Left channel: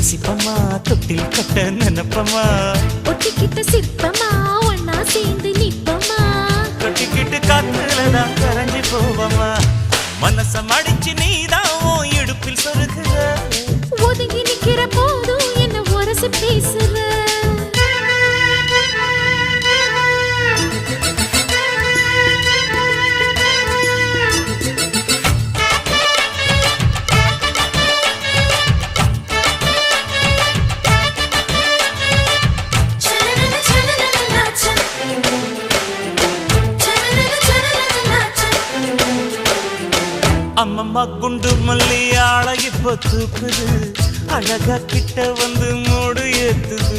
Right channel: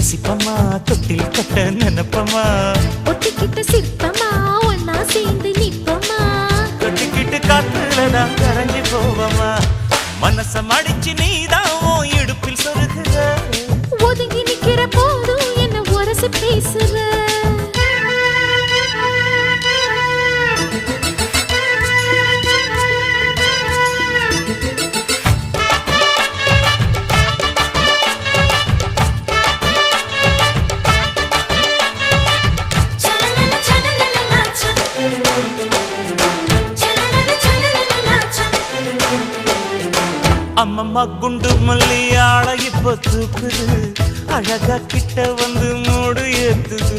ரசிப்பமா தொட்டில் கட்ட நினைப்பமா ஒட்டிக்கிட்ட சிற்பமா ஒன்னா சேர்ந்து நிப்பமா தொட்டிக்கிட்டு காத்துலதான் கரைஞ்சு போவமா மனச மடிச்சு நீதான் உன் இடுப்பில் சொருகுற ஒதுங்கி நிக்கிற போதும் என்ன உரசி பேசுற அம்மம்மா குண்டு மல்லியாள இப்ப தூக்குது அழகா கிட்ட வந்து மூடு ஏத்துது